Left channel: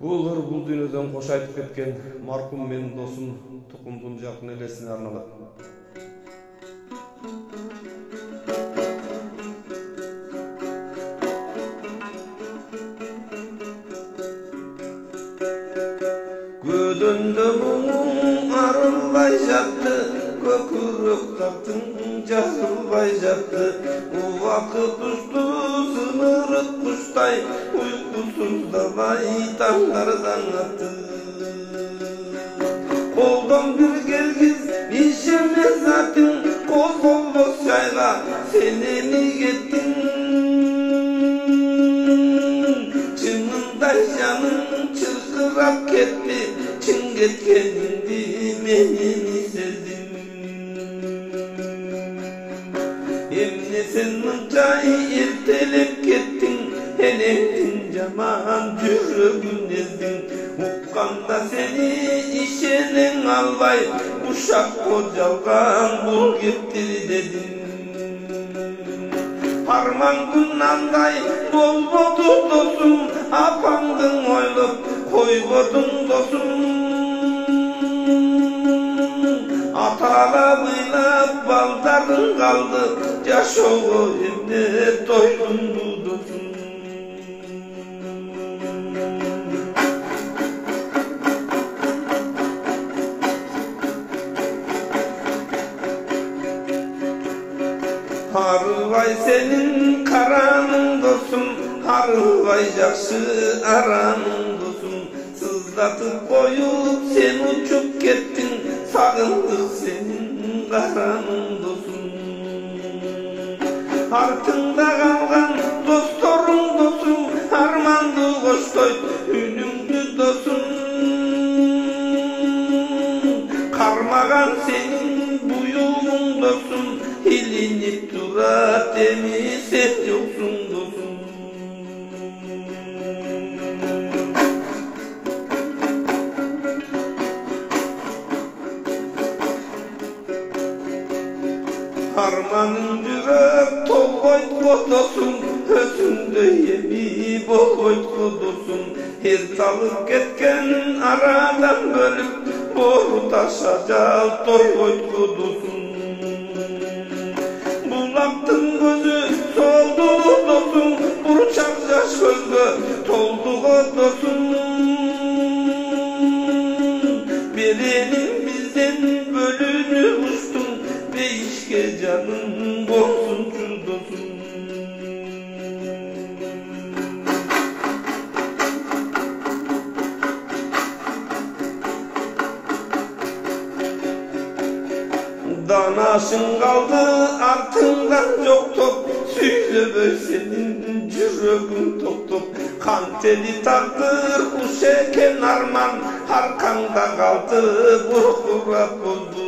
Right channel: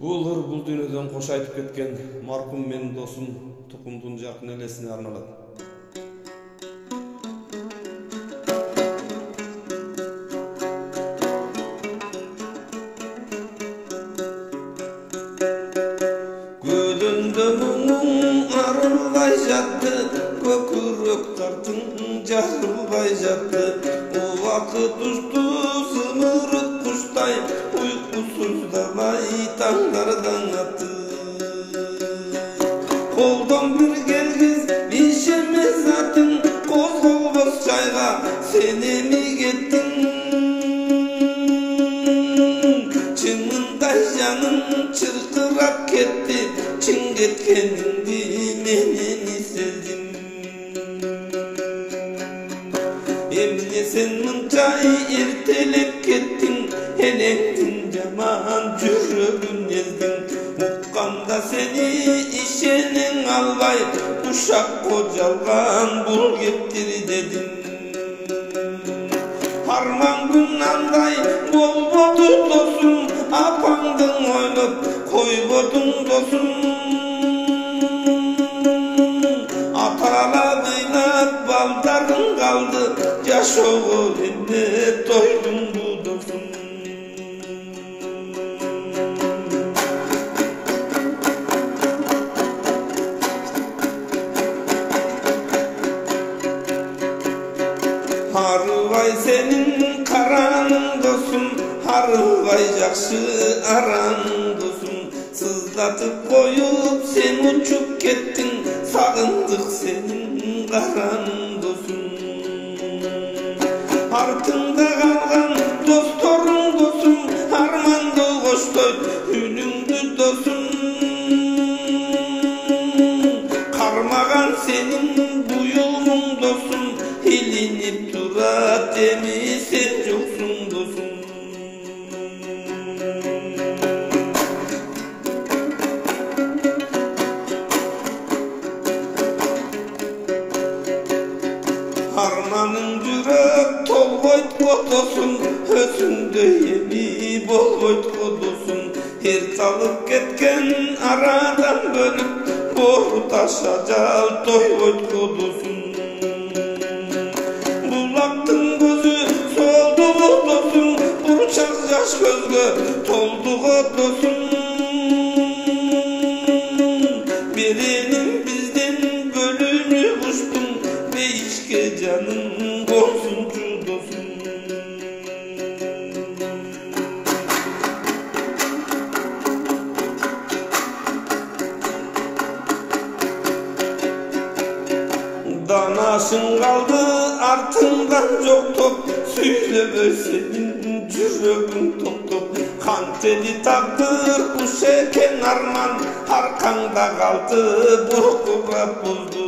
Бул ыр бул дүйнөдөн кош айтып кеткен маркум менин досум Тукумдун жакын элесине арналат. Gödöndө муң арылбай жатты, көкүрөктөрдүн жарылбай жатты. Убакыт ушту сымырык куштай, уйкусуздамай таңдардан атты. Колдон бир келгиз ишемес атың, козголбос жайга сен эми кеттиң. Чынында жаным чыркырап кетти, чын кеткениңди менен сездим. Эмне сен мынча эртелеп кеттиң, энеңдин жаман жүрөгүн эздиң. Укканда сени ишенең албай, ушак кожалган бул кептир дедим. Арман күн андай болбоду досум, апаңдың ойлоп койбодуң досум. Аталап ыйлап балдарың калды, жашоого эмне тойдуң бу досум. Арылбай сенин караның досум, арылбай жакшы араның досум. Сыздатып коюп сен учуп кеттиң, сагындык сенин караның досум. Артыңда калган досторуң досум, арманды коштой үнүңдү досум. Кармаган сенин буюмуң досум, илинип турат эми сен жоксуң досум. Арманың жүрөк толбойт го досум, өзүңдөй эми болбойт го досум. Эр салып кеткен арадан бөлүп, бору таша жал тойбойт го досум. Булактын көзү солду го досум, бурчак жаш көзгө толду го досум. Беренин бизден бөлүнүп уштуң, бейишке жаның болсунчу досум. Danasың kaldı артыңдан жоктоп, сүйлөбөй сенин жүрөгүң токтоп. Кантели тагдыр уш экен арман, аркаңда калды буркурап бозду.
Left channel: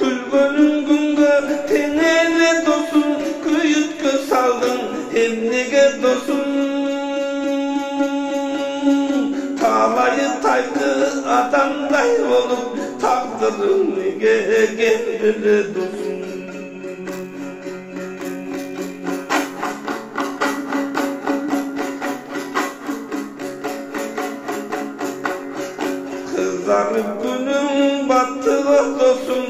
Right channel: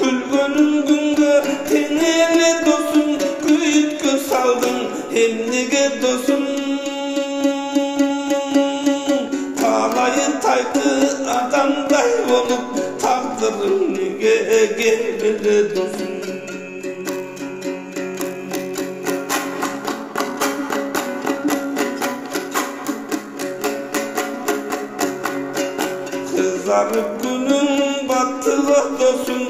Күлгөнүң күнгө тең эле досум, күйүткө салдың эмнеге досум. Талайы тайды адамдай болуп, тагдырың неге келбеди досум. Kızarıp günün battığı dosum,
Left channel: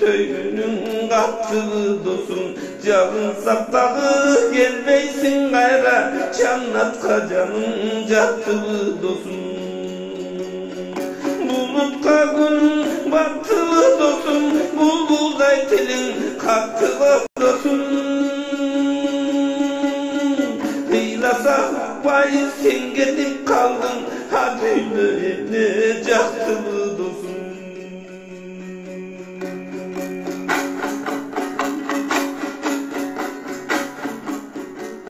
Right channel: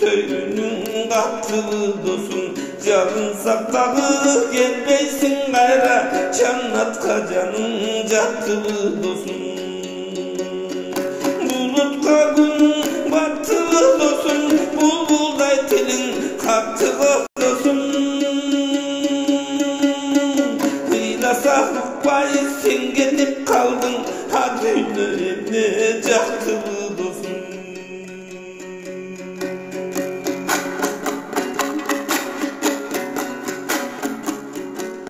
töyünün kattığı dosum. Canın saktağı gelmeysin gayra, cannatka canın jattığı dosum. Bulutqa gün battığı dosum, bulbulday tilin kattığı dosum. Hıylasak bay sen getip kaldın, hadi emne jaktı